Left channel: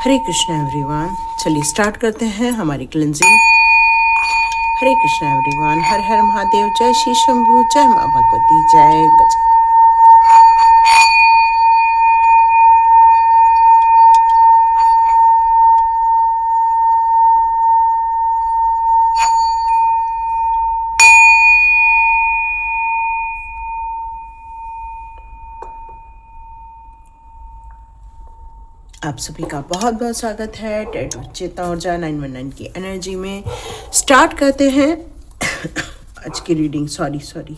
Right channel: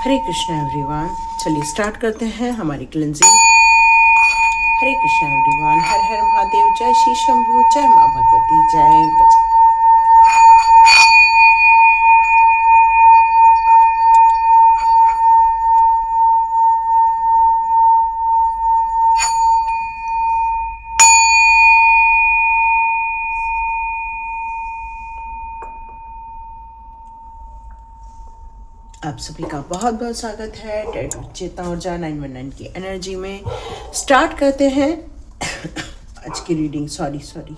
हरे Krishna everyone. चलिए start करते हैं हमारी क्लिनजिंग। हरे कृष्णा एवरीवन। हर हर महादेव। जय श्री शंभू। जय माँ भगवती। जय गज। आप सभी का बहुत बहुत स्वागत है चेतना ऊर्जा 919 की एनर्जी में। स्टार्ट करते हैं आज की रीडिंग। सॉरी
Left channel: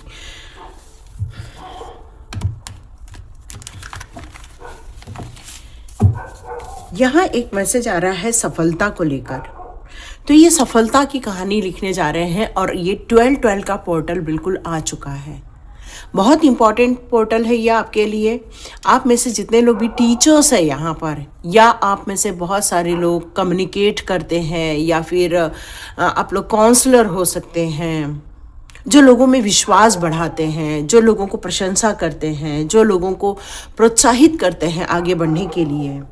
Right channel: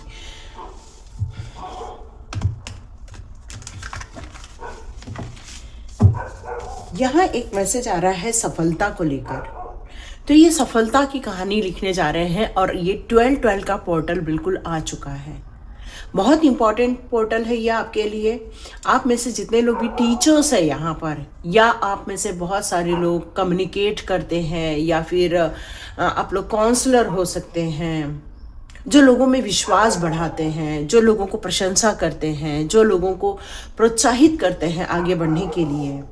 यहाँ एक मैसेज आ रहा है सफलता को लेकर। तो ये सफलता की कहानी लिखने जा रहे हैं और ये 12-12 का पोर्टल बिल्कुल आ चुका है। बहुत इंपॉर्टेंट पोर्टल है ये आपके लिए। आप में से जितने लोग भी टीचर्स है यहाँ पर, या आप में से बहुत सारे लोग कम्युनिकेट करते हैं, या फिर आप लोग काउंसलर हो सकते हैं, जो लोगों में विश्वास बढ़ाते हैं, जो लोगों को प्रशंसा करते हैं, जो लोगों को प्रोत्साहित करते हैं आगे बढ़ने के लिए।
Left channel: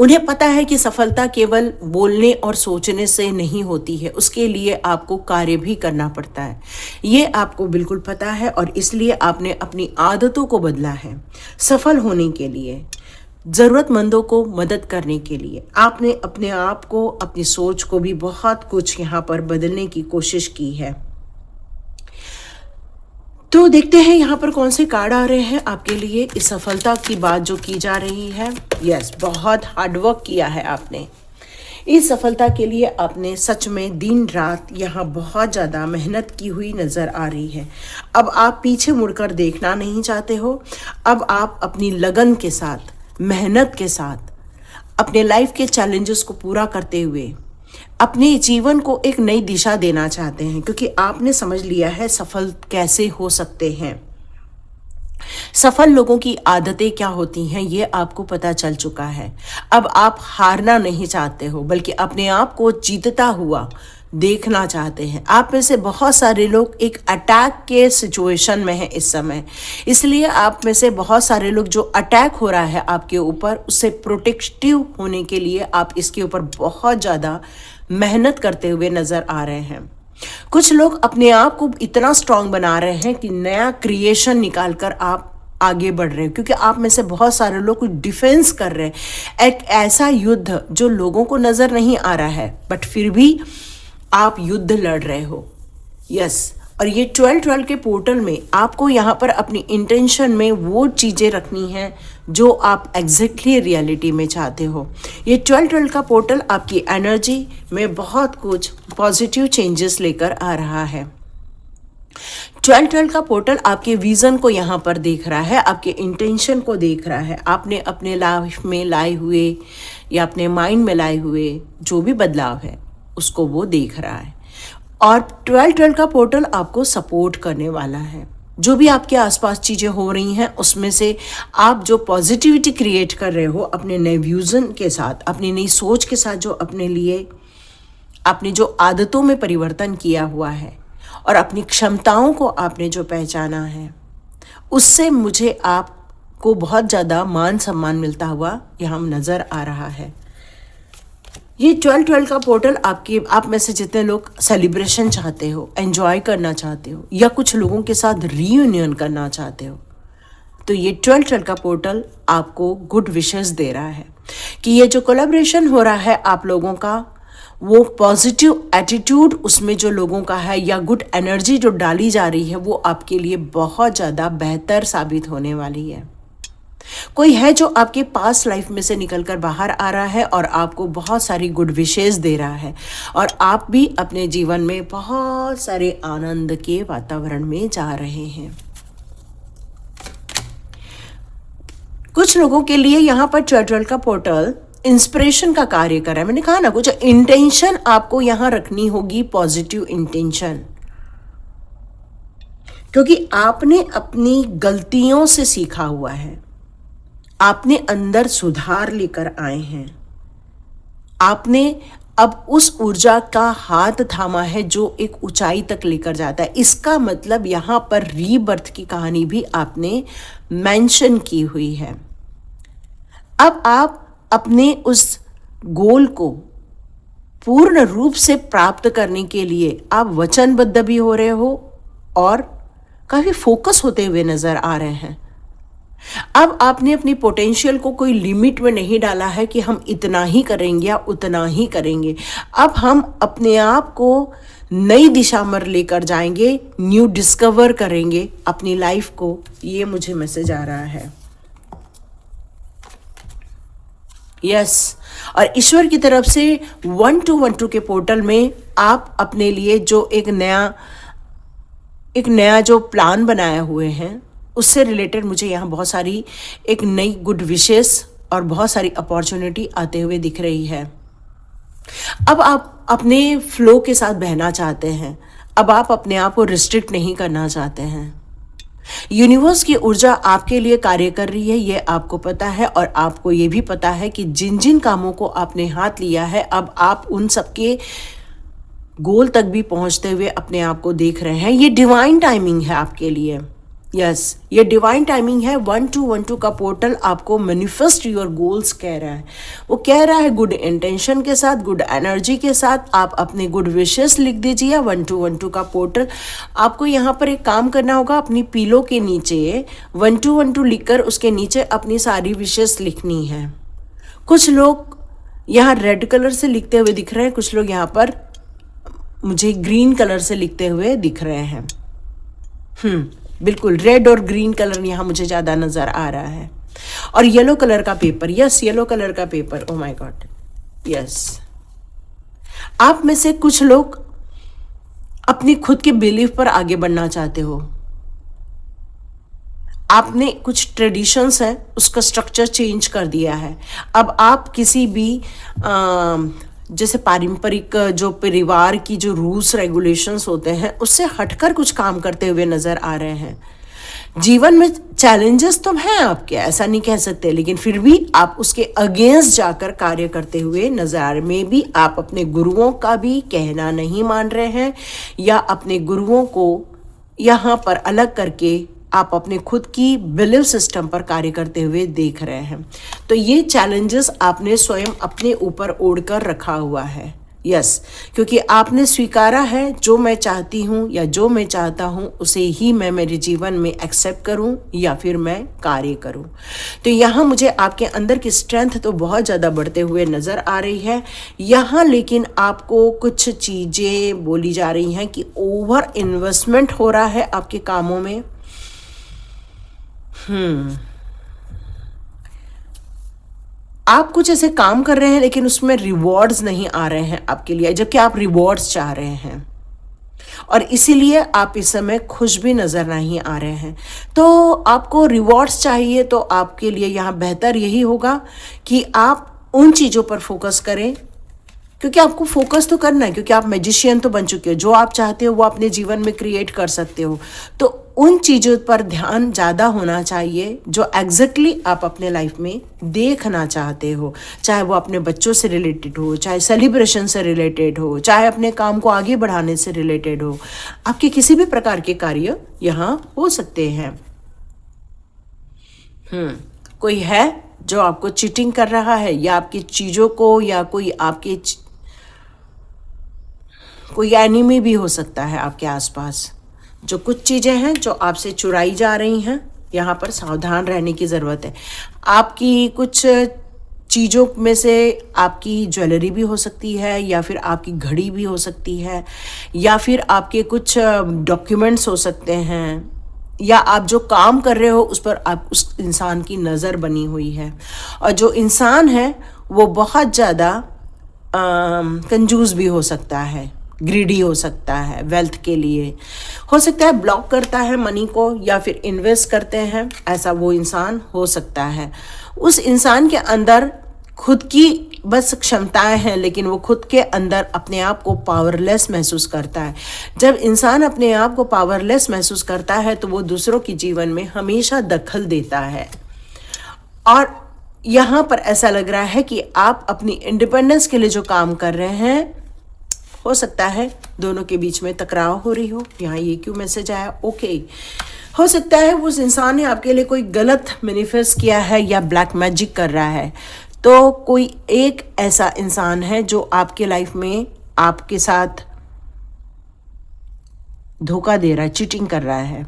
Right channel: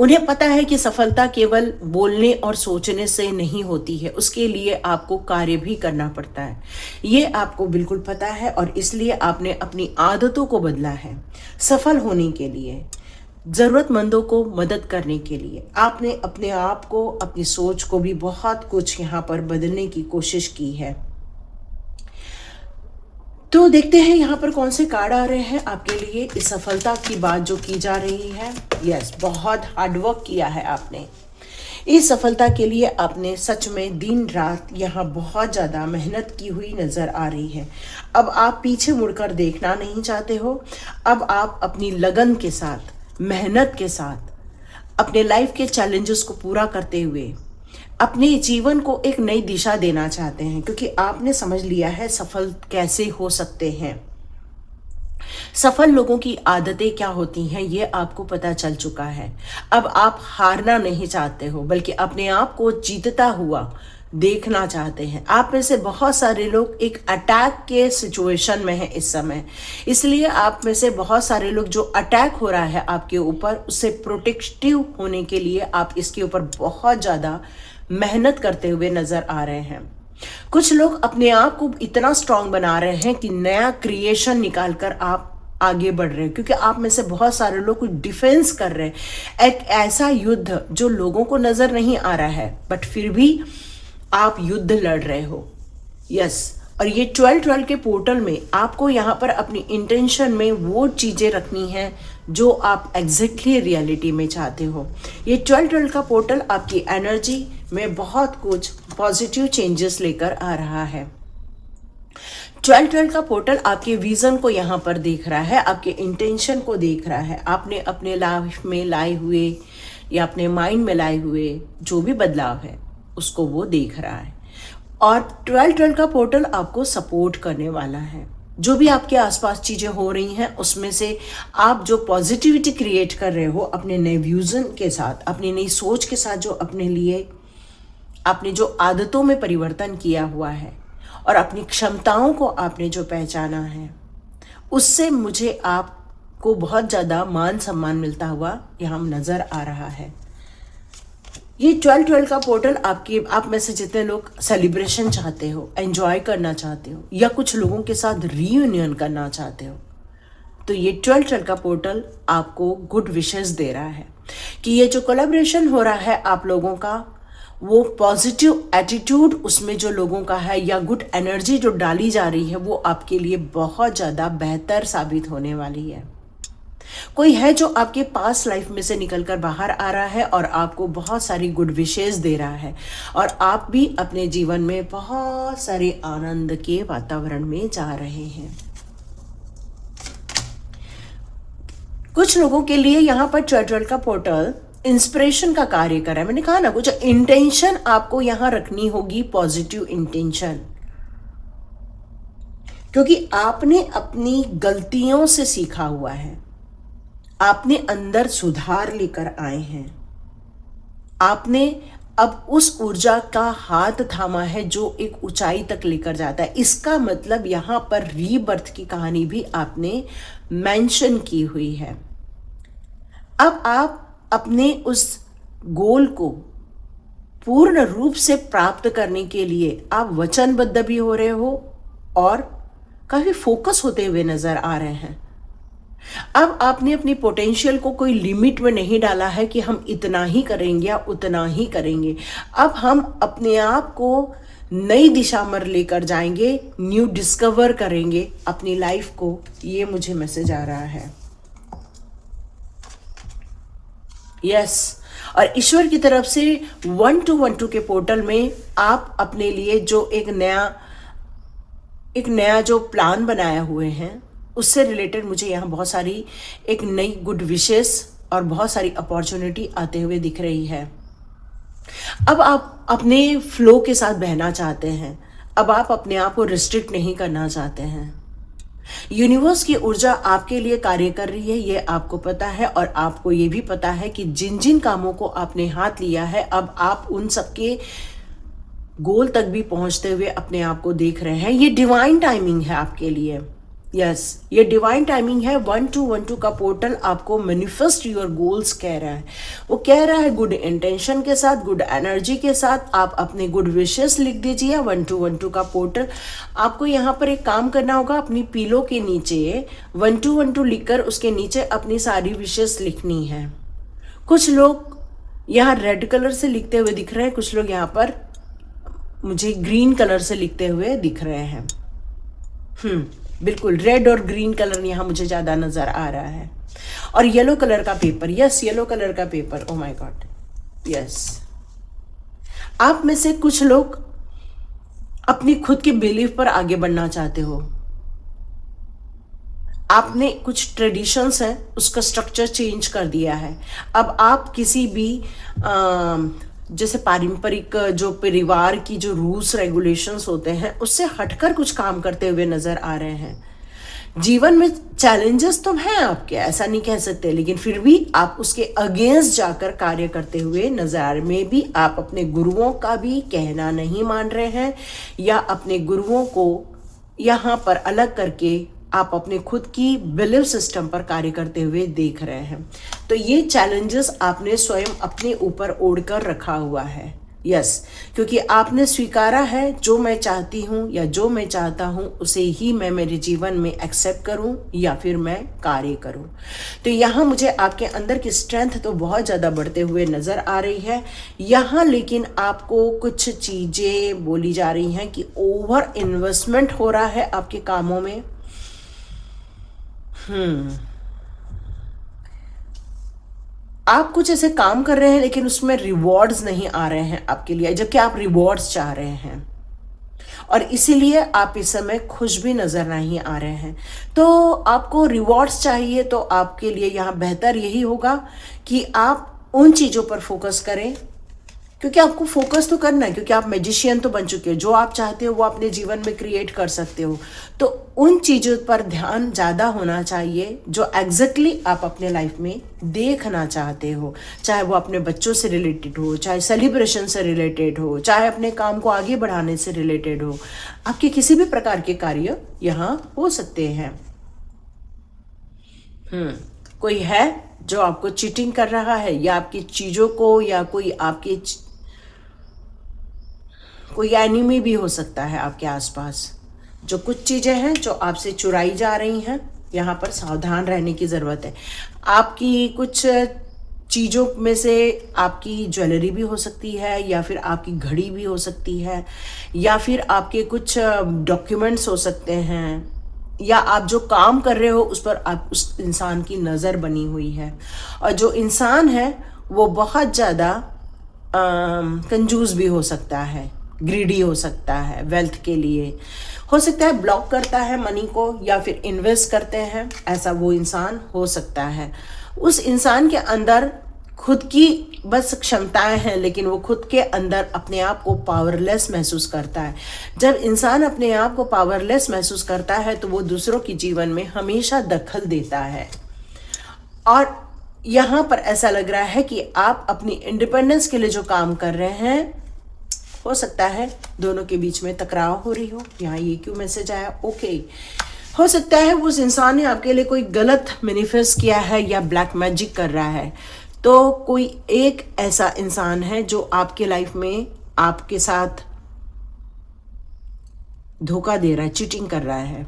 उन्हें पता है कि सफलता केवल बोलने और सोचने से नहीं होती है, उसके लिए आपको कार्य भी करना पड़ता है। ये आपको बिल्कुल पता है और इसलिए आपने अपनी आदतों को बदला है सफल होने के लिए, ज़रूरतमंदों को मदद करने के लिए। आपने अपने आप को, अपनी सोच को भी बहुत कुछ यहाँ पर बदलने की कोशिश की है। तो देखते हैं यहाँ पर कौन से कार्ड आ रहे हैं आपके लिए। इस सफलता की बात जो की जा रही है, यस, बहुत हार्डवर्क किया है आपने। इस सफलता के लिए आपने सच में दिन रात यहाँ बहुत ज़्यादा मेहनत की हुई नज़र आ रही है। अब आप पीछे मुड़कर देखना नहीं चाहते हो। अब आप अपनी लगन के साथ, मेहनत के साथ, अपने लाइफ के चैलेंजेस को पूरा करते हुए अपने जीवन को एक नई दिशा देना चाहते हैं, क्योंकि आपने समझ लिया है सफल कैसे हो सकते हैं। सफल लोगों की आदतें क्या होती हैं ये आपको पता चल चुका है। अब आप हारना नहीं चाहते हो, बल्कि अपने आप को जीतता हुआ देखना चाहते हैं। आप में से बहुत सारे लोग एक अटैक के सिचुएशन में हैं इस समय, इसलिए आप में से बहुत सारे लोग जो अटैक हो रहा है आपके ऊपर, उससे प्रोटेक्टिव होने के लिए आप इसके ऊपर बहुत ज़्यादा मेहनत करते हुए नज़र आ रहे हैं। कुछ लोग अपने आप को इतना स्ट्रांग बना रहे हैं कि नया क्रिएशन निकाल कर आप आगे बढ़ रहे हैं, क्योंकि आप में से बहुत सारे लोग कुछ डिफेंस कर रहे हैं। एक ऐसा युद्ध जो लोगों को नज़र नहीं आ रहा है, बट फिर भी आप युद्ध लड़ रहे हो। यस, और ये 12-12 के पोर्टल में आपको यहाँ पर अपनी इंटेंशन में वो चीज़ें रखनी हैं जो आप एग्जैक्टली रियलिटी में चाहते हो। ये 12-12 का पोर्टल आपकी एनर्जी में बहुत कुछ पॉजिटिव चेंजेस लेकर आ रहा है। 12-12 का पोर्टल आपके विजन को यहाँ पर देख रहा है, आपके इंटेंशन को देख रहा है। आपने अपने लाइफ में लाए हुए या अपने माइंड में लाए हुए जो भी बदलाव है उसको वो देख रहा है। और 12-12 का पोर्टल आपको सपोर्ट करने वाला है। जो भी आपके आसपास चीज़ें हो रही हैं उसमें से आप जो पॉजिटिविटी क्रिएट कर रहे हो अपने नए विजन के साथ, अपनी नई सोच के साथ, जो अपने लिए आपने जो आदतों में परिवर्तन किया हुआ है और अपनी क्षमताओं को आपने जो पहचाना है, उससे मुझे आपको बहुत ज़्यादा मान सम्मान मिलता हुआ यहाँ नज़र आ रहा है। ये 12-12 का पोर्टल आप में से जितने लोग सेलिब्रेशन चाहते हो, एंजॉय करना चाहते हो, या कुछ लोगों के साथ रीयूनियन करना चाहते हो, तो ये 12-12 का पोर्टल आपको गुड विशेस दे रहा है कि ये जो कोलैबोरेशन हो रहा है आप लोगों का, वो पॉजिटिव एटीट्यूड उसमें जो लोगों का है, या गुड एनर्जी जो डाली जा रही है, वो आपके लिए बहुत ज़्यादा बेहतर साबित होने वाली है। कोई है जो आपके पास लाइफ में से निकलकर बाहर आ रहा है और आपको बहुत सारी गुड विशेस दे रहा है, और आप भी अपने जीवन में बहुत सारे आनंद के वातावरण में जा रहे हैं। कुछ लोगों के लिए यहाँ पर 12-12 का पोर्टल इंस्पिरेशन का कार्य कर रहा है। मैंने कहा ना, कुछ इंटेंशन आपको यहाँ रखनी होगी, पॉजिटिव इंटेंशन, क्योंकि आपने अपनी गलतियों से सीखा हुआ है। आपने अंदर सुधार लेकर आए हैं। आपने अब उस ऊर्जा का हाथ थामा है जो एक ऊंचाई तक लेकर जाता है। इसका मतलब यहाँ पर रीबर्थ की कहानी भी आपने मेंशन की हुई है। अब आप अपने उस गोल को पूर्ण रूप से प्राप्त करने के लिए आप वचनबद्ध भी हो रहे हो और काफी फोकस होते हुए नजर आ रहे हैं। अब आपने अपनी पोटेंशियल को कोई लिमिट में नहीं डाला है कि हम इतना ही करेंगे या उतना ही करेंगे। अब हम अपने आप को नई दिशा में लेकर जाएंगे, न्यू डिस्कवर करेंगे अपनी लाइफ को। ये मुझे मैसेज आ रहा है। यस, और ईश्वर की तरफ से 1212 के पोर्टल में आप अपने लिए जो एक नया जो प्लान बनाए हुए हैं उससे रिलेटेड मुझे यहाँ बहुत सारी एक नई गुड विशेस और बहुत सारी अपॉर्चुनिटी आते हुए दिख रही है। अब आप अपने फ्लो के साथ बहना चाहते हैं। अब आप अपने आप को रिस्ट्रिक्ट नहीं करना चाहते हैं। यूनिवर्स की ऊर्जा आपके लिए कार्य कर रही है, ये आपको पता है। और आपको ये भी पता है कि जिन जिन कामों को आपने हाथ लिया है, अब आप उन सबके गोल तक भी पहुंचते हुए अपने आप को देख रहे हैं। ये डिवाइन टाइमिंग है आपके लिए। यस, ये डिवाइन टाइमिंग है। 1212 का पोर्टल आपको मैनिफेस्ट योर गोल्स कह रहा है। वो कह रहा है गुड इंटेंशन के साथ, गुड एनर्जी के साथ आप अपने गुड विशेस लिख दीजिए। 1212 का पोर्टल आपको यहाँ पर एक काम करना होगा। अपनी पीलो के नीचे 1212 लिखकर उसके नीचे अपनी सारी विशेस लिखनी है। कुछ लोग यहाँ रेड कलर से लिखते हुए दिख रहे हैं, कुछ लोग यहाँ पर मुझे ग्रीन कलर से लिखते हुए दिख रहे हैं। बिल्कुल रेड और ग्रीन कलर यहाँ मुझे ज़्यादा नज़र आ रहा है। और येलो कलर का पेपर, यस येलो कलर का paper, oh my God, yes. आप में से कुछ लोग अपनी खुद की बिलीफ पर आगे बढ़ना चाहते हो। आपने कुछ ट्रेडिशंस है उसका स्ट्रक्चर चेंज कर दिया है। अब आप किसी भी जैसे पारंपरिक जो परिवार की जो रूल्स रेगुलेशंस होते हैं उससे हटकर कुछ काम करते हुए नजर आ रहे हैं। जीवन में चैलेंजेस तो हैं आपके, ऐसा नहीं कह सकते, लेकिन फिर भी आप उसके अगेंस्ट जाकर कार्य करते हुए नजर आ रहे। में भी आप अपने गुरुओं का भी कहना नहीं मान रहे हैं या अपने गुरुओं को यहाँ पर अलग करके आप अपने खुद की बिलीफ सिस्टम पर कार्य करते हुए देख रहे हैं। तो ये चैलेंजेस आपने स्वयं अपने ऊपर ओढ़कर रखा हुआ है। यस, क्योंकि आपने स्वीकारा है जो मैं चाहती हूँ या जो मैं चाहता हूँ उसे ही मैं मेरे जीवन में एक्सेप्ट करूँ या फिर मैं कार्य करूँ। तो यहाँ मुझे आपके अंदर की स्ट्रेंथ तो बहुत ज़्यादा बढ़ते हुए नज़र आ रही है यहाँ। लेकिन आपको कुछ चीज़ें बोली जा रही हैं कि ओवर इन्वेस्टमेंट हो रहा है आपके कामों में। आप कुछ ऐसे काम कर रहे हैं लेकिन उसमें रिवॉर्ड्स नहीं आ रहे हैं आपके लिए, जबकि आप रिवॉर्ड्स चाह रहे हैं और इसीलिए आप इस समय खुश भी नजर नहीं आ रहे हैं। तो आपको रिवॉर्ड्स चाहिए तो आपके लिए यहाँ बेहतर यही होगा कि आप उन चीज़ों पर फोकस करें, क्योंकि आपको फोकस तो करना है, क्योंकि आप मैजिशियन तो बन चुके हो। जो आप चाहते हो वो अपने जीवन में क्रिएट कर सकते हो। तो उन चीज़ों पर ध्यान ज़्यादा होना चाहिए जो एग्जैक्टली आप अपने लाइफ में देखना चाहते हो, चाहे वो अपने बच्चों से रिलेटेड हो, चाहे सेलिब्रेशन से रिलेटेड हो, चाहे अपने काम को आगे बढ़ाने से रिलेटेड हो। आपके किसी भी प्रकार के कार्य यहाँ हो सकते हैं। कोई है जो आपको चीटिंग कर रहा है या आपकी चीज़ों को, या कोई एनिमी भी हो सकता है आपके आसपास। जो कुछ चीज़ें हैं जो आपसे चुराई जा रही हैं, यहाँ पर सावधान रहने की ज़रूरत है। आपकी कुछ चीज़ों में से आपकी ज्वेलरी भी हो सकती है, या फिर आपकी घड़ी भी हो सकती है, या फिर आपके कुछ डॉक्यूमेंट्स हो सकते हैं, या आप जो काम कर रहे हो उस पर आप उस इंसान की नज़र बनी हुई है। और जो इंसान है वो बहुत ज़्यादा कंजूस भी हो सकता है, ग्रीडी हो सकता है, वेल्थ के लिए हो सकता है, ब्लॉक करता है मनी को या फिर इन्वेस्ट करते हैं, ऐसा वो इंसान हो सकता है। उस इंसान के अंदर खुद की बस क्षमताएं हैं, लेकिन वो खुद के अंदर अपने आप को पावरलेस महसूस करता है। जब इंसान अपने आप को पावरलेस महसूस करता है तो वो दूसरों के जीवन में हमेशा दखल देता है। और यहाँ पर ऐसा लग रहा है कि आप अपनी इंडिपेंडेंस के लिए जो काम कर रहे हैं, हो सकता है दोनों के बीच में टकराव हो रही हो। यहाँ ये क्यों मैसेज आया? ओके, हो सकता है उस इंसान ने आपके लिए कोई गलत मैनिफेस्ट किया है या ब्लैक मैजिक कर रहा है। तो कोई एक ऐसा इंसान है जो आपके लाइफ में आपके साथ धोखा दे रहा है, चीटिंग कर रहा है।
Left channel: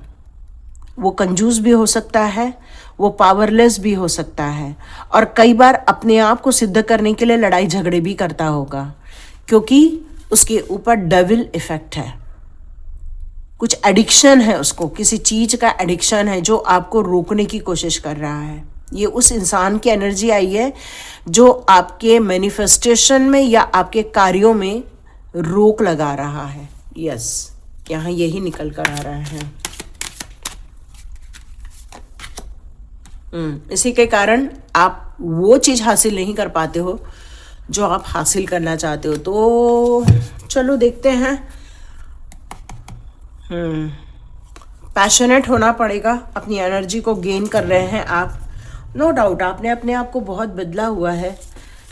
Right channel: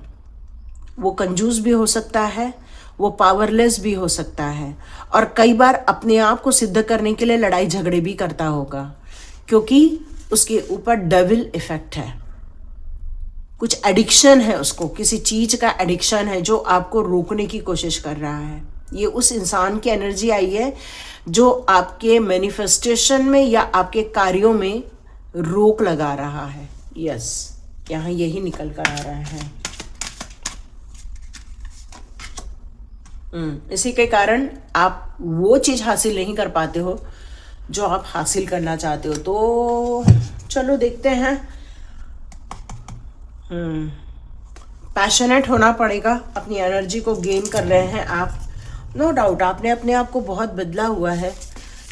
वो कंजूस भी हो सकता है, वो पावरलेस भी हो सकता है, और कई बार अपने आप को सिद्ध करने के लिए लड़ाई झगड़े भी करता होगा, क्योंकि उसके ऊपर डेविल इफेक्ट है। कुछ एडिक्शन है, उसको किसी चीज का एडिक्शन है जो आपको रोकने की कोशिश कर रहा है। ये उस इंसान की एनर्जी आई है जो आपके मैनिफेस्टेशन में या आपके कार्यों में रोक लगा रहा है। यस, यहाँ यही निकल कर आ रहा है। इसी के कारण आप वो चीज हासिल नहीं कर पाते हो जो आप हासिल करना चाहते हो। तो चलो देखते हैं। पैशनेट होना पड़ेगा, अपनी एनर्जी को गेन कर रहे हैं आप। नो डाउट आपने अपने आप को बहुत बदला हुआ है,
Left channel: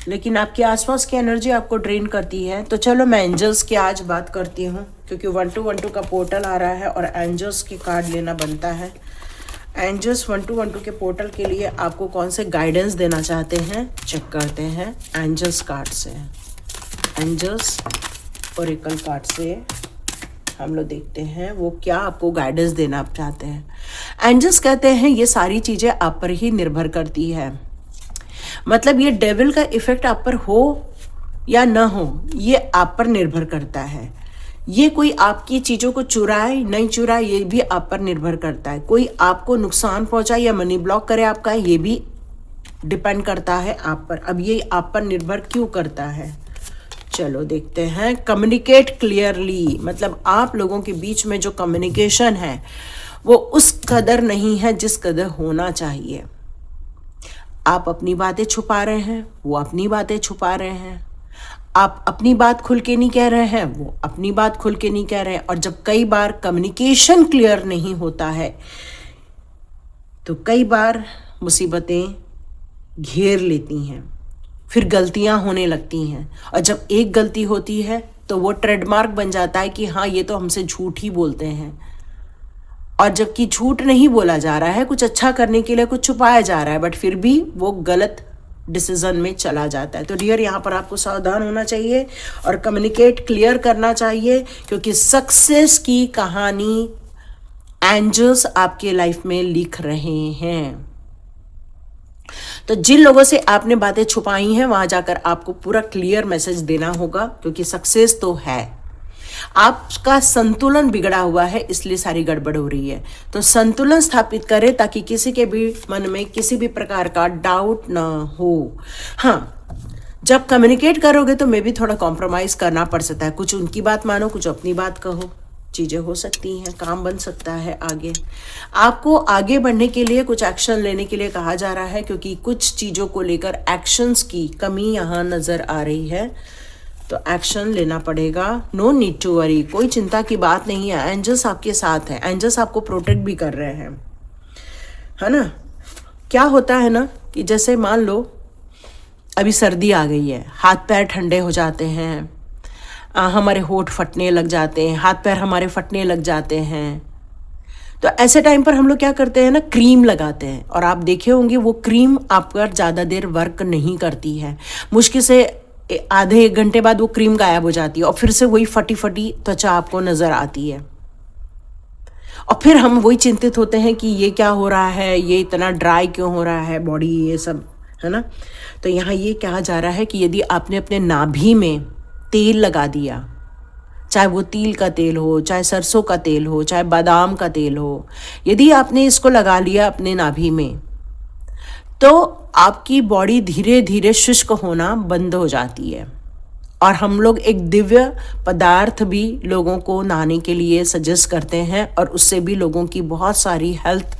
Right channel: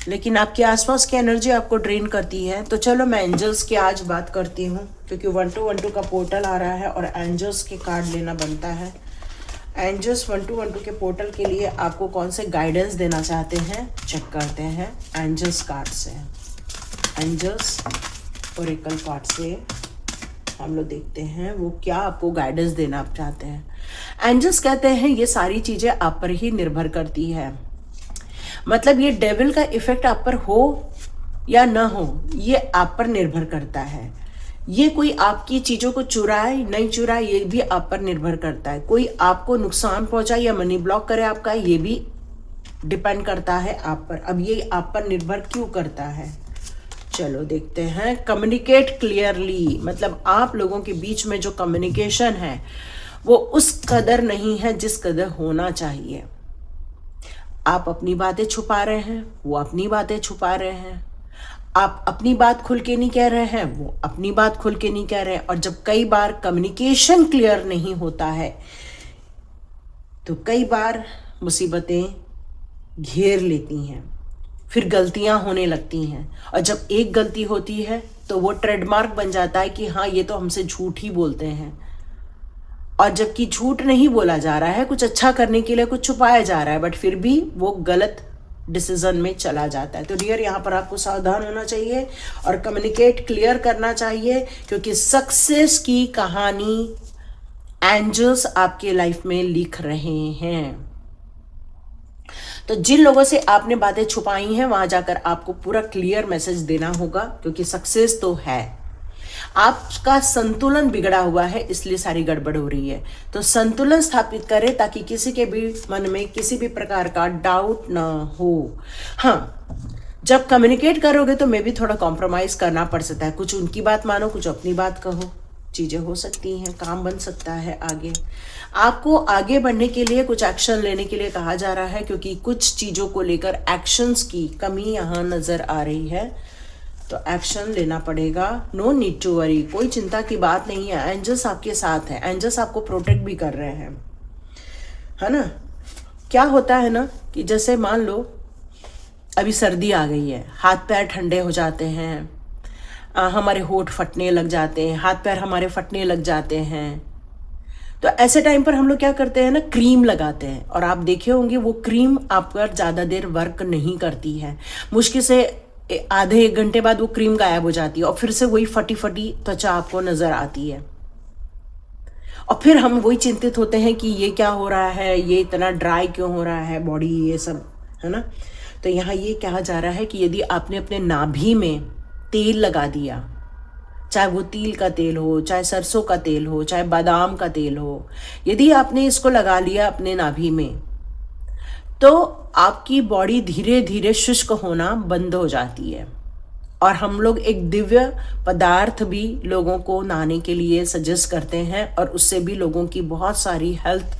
लेकिन आपके आसपास की एनर्जी आपको ड्रेन करती है। तो चलो मैं एंजल्स की आज बात करती हूँ, क्योंकि 1212 का पोर्टल आ रहा है और एंजल्स के कार्ड लेना बनता है। एंजल्स 1212 के पोर्टल के लिए आपको कौन से गाइडेंस देना चाहते हैं, चेक करते हैं एंजल्स कार्ड से। एंजल्स ओरेकल कार्ड से हम लोग देखते हैं वो क्या आपको गाइडेंस देना चाहते हैं। एंजल्स कहते हैं ये सारी चीज़ें आप पर ही निर्भर करती है। मतलब ये डेविल का इफेक्ट आप पर हो या ना हो, ये आप पर निर्भर करता है। ये कोई आपकी चीज़ों को चुराए नहीं चुराए, ये भी आप पर निर्भर करता है। कोई आपको नुकसान पहुंचाए या मनी ब्लॉक करे आपका, ये भी डिपेंड करता है आप पर। अब ये आप पर निर्भर क्यों करता है, चलो देखते हैं। कम्युनिकेट क्लियरली, मतलब आप लोगों के बीच में जो कम्युनिकेशन है वो उस कदर नहीं है जिस कदर होना चाहिए। आप अपनी बातें छुपा रहे हैं, वो अपनी बातें छुपा रहे हैं। आप अपनी बात खुल के नहीं कह रहे हैं, वो अपनी बात खुल के नहीं कह रहे हैं। और जब कई बार कम्युनिकेशन क्लियर नहीं होता है तो कई बार मुसीबतें घेर लेती हैं, फिर गलतियां होने लगती हैं। और जब एक गलती होती है तो वो ट्रेडमार्क बन जाता है कि हाँ ये तो हमसे झूठ ही बोलते हैं। और जबकि झूठ नहीं बोला जा रहा है, कुछ अच्छा करने के लिए कुछ छुपाया जा रहा है, बट फिर भी वो गलत डिसीजन में चला जाता है। तो डियर यहाँ पर आपको सावधान होना चाहिए और कम्युनिकेट क्लियर करना चाहिए, क्योंकि सक्सेस की कहानी एंजल्स आपके लाइफ में लिख रहे हैं। तो जिन लोगों से आपने बातें छुपाई हैं वहां जाकर आपको पूरा क्लियर मैसेज देना होगा, क्योंकि सक्सेस तो है। आपका संतुलन बिगड़ा हुआ है, इसलिए सारी गड़बड़ हो रही है। तो संतुलन स्थापित करें ताकि किसी के भी मन में किसी भी प्रकार का डाउट ना हो। हाँ, जब कम्युनिकेट करोगे तो मे भी थोड़ा कॉम्प्रोमाइज करना पड़ सकता है। कुछ उनकी बात मानो, कुछ अपनी बात कहो, चीज़ें हो सकती हैं, काम बन सकता है आगे। आपको आगे बढ़ने के लिए कुछ एक्शन लेने के लिए कहा जा रहा है, क्योंकि कुछ चीज़ों को लेकर एक्शंस की कमी यहाँ नज़र आ रही है। तो एक्शन लेना पड़ेगा। नो नीड टू वरी, कोई चिंता की बात नहीं है। एंजल्स आपके साथ हैं, एंजल्स आपको प्रोटेक्ट भी कर रहे हैं, है ना। क्या होता है ना कि जैसे मान लो अभी सर्दी आ गई है, हाथ पैर ठंडे हो जाते हैं, हमारे होंठ फटने लग जाते हैं, हाथ पैर हमारे फटने लग जाते हैं। तो ऐसे टाइम पर हम लोग क्या करते हैं ना, क्रीम लगाते हैं। और आप देखे होंगे वो क्रीम आप पर ज़्यादा देर वर्क नहीं करती है। मुश्किल से आधे एक घंटे बाद वो क्रीम गायब हो जाती है और फिर से वही फटी फटी त्वचा आपको नज़र आती है। और फिर हम वही चिंतित होते हैं कि ये क्या हो रहा है, ये इतना ड्राई क्यों हो रहा है बॉडी, ये सब, है ना। तो यहाँ ये कहा जा रहा है कि यदि आपने अपने नाभि में तेल लगा दिया, चाहे वो तिल का तेल हो, चाहे सरसों का तेल हो, चाहे बादाम का तेल हो, यदि आपने इसको लगा लिया अपने नाभि में, तो आपकी बॉडी धीरे धीरे शुष्क होना बंद हो जाती है। और हम लोग एक दिव्य पदार्थ भी लोगों को नहाने के लिए सजेस्ट करते हैं, और उससे भी लोगों की बहुत सारी हेल्थ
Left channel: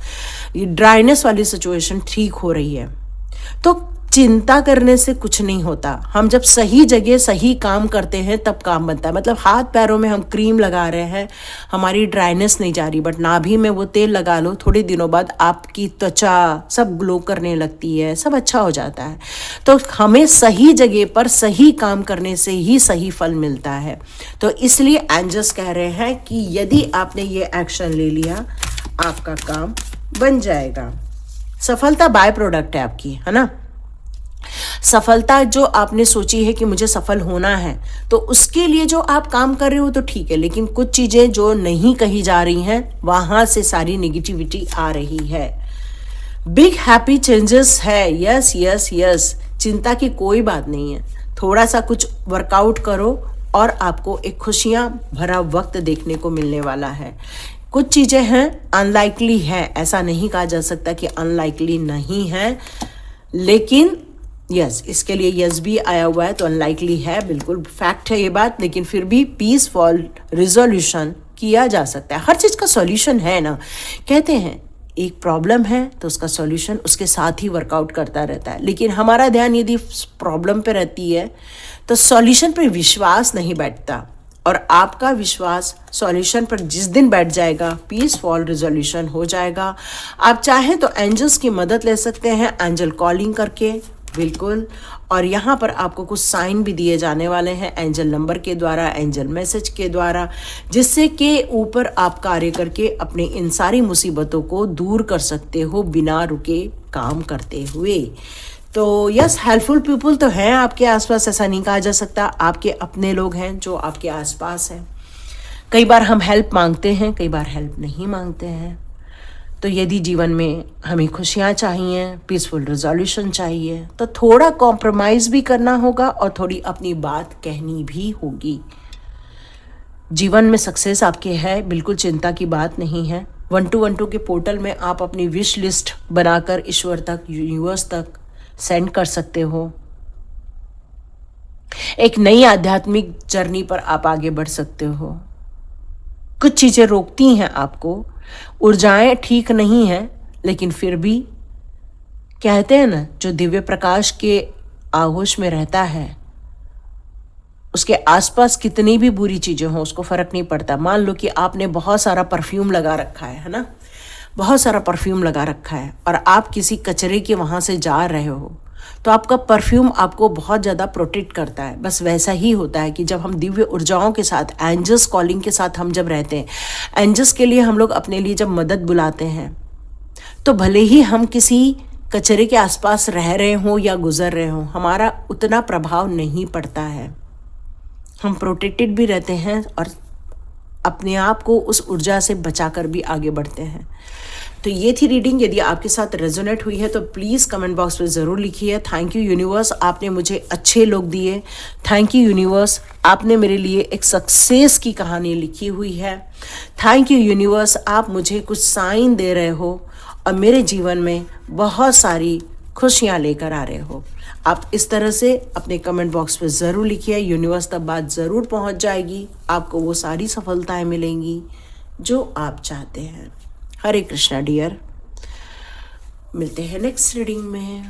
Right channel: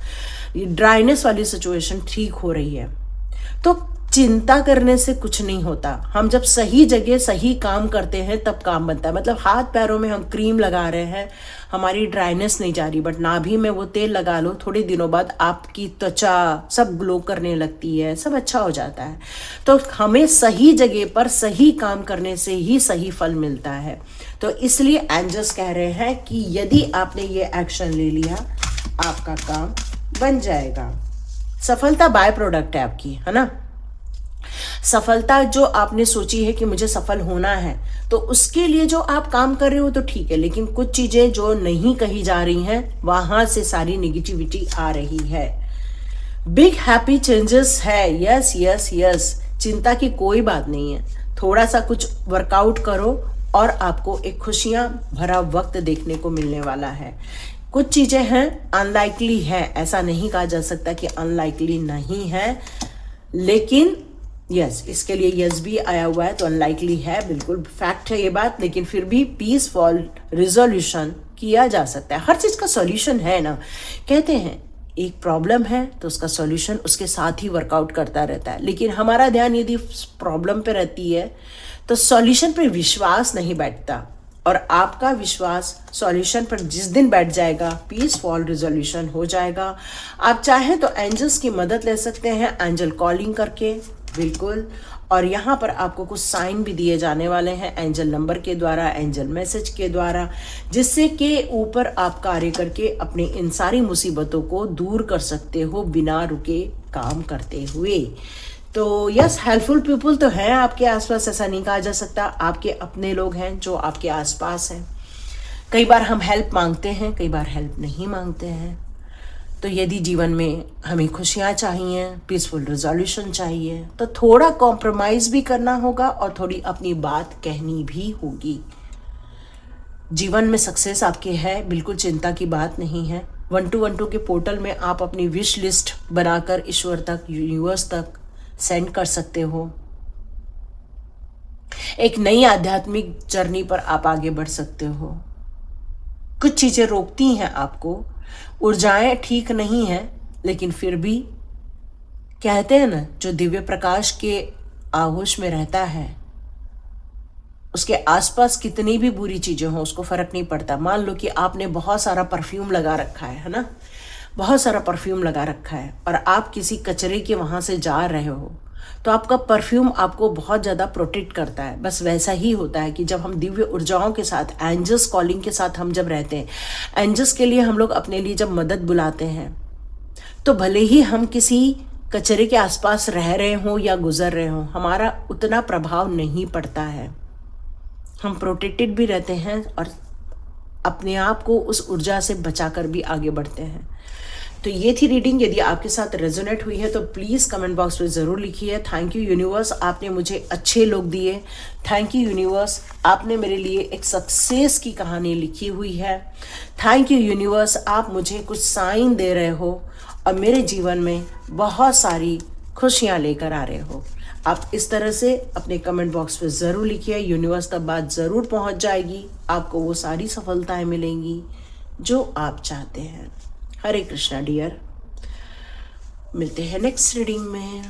ड्राइनेस वाली सिचुएशन ठीक हो रही है। तो चिंता करने से कुछ नहीं होता। हम जब सही जगह सही काम करते हैं तब काम बनता है। मतलब हाथ पैरों में हम क्रीम लगा रहे हैं, हमारी ड्राइनेस नहीं जा रही, बट नाभि में वो तेल लगा लो, थोड़े दिनों बाद आपकी त्वचा सब ग्लो करने लगती है, सब अच्छा हो जाता है। तो हमें सही जगह पर सही काम करने से ही सही फल मिलता है। तो इसलिए एंजल्स कह रहे हैं कि यदि आपने ये एक्शन ले लिया, आपका काम बन जाएगा। सफलता बाय प्रोडक्ट है आपकी, है ना। सफलता जो आपने सोची है कि मुझे सफल होना है, तो उसके लिए जो आप काम कर रहे हो तो ठीक है, लेकिन कुछ चीजें जो नहीं कही जा रही हैं वहां से सारी निगेटिविटी आ रही है। बिग हैप्पी चेंजेस है, यस यस यस, चिंता की कोई बात नहीं है। थोड़ा सा कुछ वर्कआउट करो और आपको एक खुशियां भरा वक्त देखने को मिलने वाला है। कुछ चीजें हैं अनलाइकली है, ऐसा नहीं कहा जा सकता कि अनलाइकली नहीं है, लेकिन यस इसके लिए यस भी आया हुआ है तो अनलाइकली है, बिल्कुल फैक्ट है ये बात, लेकिन फिर भी पीसफुल रिजोल्यूशन किया जा सकता है। हर चीज़ का सॉल्यूशन है ना, कहते हैं एक प्रॉब्लम है तो उसका सॉल्यूशन उसके साथ ही वर्कआउट करता रहता है, लेकिन हमारा ध्यान यदि प्रॉब्लम पे रहती है तो सॉल्यूशन पे विश्वास नहीं बैठता, और आपका विश्वास सॉल्यूशन पर जिस दिन बैठ जाएगा पीसफुल रिजोल्यूशन हो जाएगा। आप चाहें तो एंजल्स की मदद ले सकते हैं, एंजल कॉलिंग करके, बिल्कुल। और यहाँ पर आपको कुछ साइन भी दिए जाने वाले हैं एंजल नंबर के द्वारा, एंजल मैसेज के द्वारा, जिससे कि ऊपर आप कार्य करके अपने इन सारी मुसीबतों को दूर कर सकते हो बिना रुके काम करते हुए। तो यस, हेल्पफुल पीपल तो हैं आपके आसपास, ऐसा नहीं कहा जा सकता। आपके अपने लोग हैं जो आपके आसपास हैं। कई बार हम हेल्प मांगते हैं, कई बार हेल्प नहीं मांगते हैं। तो यदि जीवन में हमें खुशियाँ चाहिए, पीसफुल रिजोल्यूशन चाहिए, तो थोड़ा कॉम्प्रोमाइज़ भी करना होगा और थोड़ी अपनी बात कहनी भी होगी। जीवन में सक्सेस आपके है, बिल्कुल चिंता की बात नहीं है। 1212 के पोर्टल में आप अपनी विश लिस्ट बनाकर ईश्वर तक, यूनिवर्स तक सेंड कर सकते हो। एक नई आध्यात्मिक जर्नी पर आप आगे बढ़ सकते हो। कुछ चीज़ें रोकती हैं आपको, ऊर्जाएं ठीक नहीं हैं, लेकिन फिर भी कहते हैं ना, जो दिव्य प्रकाश के आगोश में रहता है उसके आसपास कितनी भी बुरी चीज़ें हों उसको फ़र्क नहीं पड़ता। मान लो कि आपने बहुत सारा परफ्यूम लगा रखा है ना, बहुत सारा परफ्यूम लगा रखा है, और आप किसी कचरे के वहाँ से जा रहे हो, तो आपका परफ्यूम आपको बहुत ज़्यादा प्रोटेक्ट करता है। बस वैसा ही होता है कि जब हम दिव्य ऊर्जाओं के साथ, एंजल्स कॉलिंग के साथ हम जब रहते हैं, एंजल्स के लिए हम लोग अपने लिए जब मदद बुलाते हैं, तो भले ही हम किसी कचरे के आसपास रह रहे हों या गुजर रहे हों, हमारा उतना प्रभाव नहीं पड़ता है। हम प्रोटेक्टेड भी रहते हैं और अपने आप को उस ऊर्जा से बचाकर भी आगे बढ़ते हैं। तो ये थी रीडिंग। यदि आपके साथ रेजोनेट हुई है तो प्लीज़ कमेंट बॉक्स में ज़रूर लिखिए। थैंक यू यूनिवर्स, आपने मुझे अच्छे लोग दिए। थैंक यू यूनिवर्स, आपने मेरे लिए एक सक्सेस की कहानी लिखी हुई है। थैंक यू यूनिवर्स, आप मुझे कुछ साइन दे रहे हो और मेरे जीवन में बहुत सारी खुशियाँ लेकर आ रहे हो। आप इस तरह से अपने कमेंट बॉक्स में ज़रूर लिखिए, यूनिवर्स तक बात ज़रूर पहुंच जाएगी, आपको वो सारी सफलताएं मिलेंगी जो आप चाहते हैं। हरे कृष्णा डियर, मिलते हैं नेक्स्ट रीडिंग में।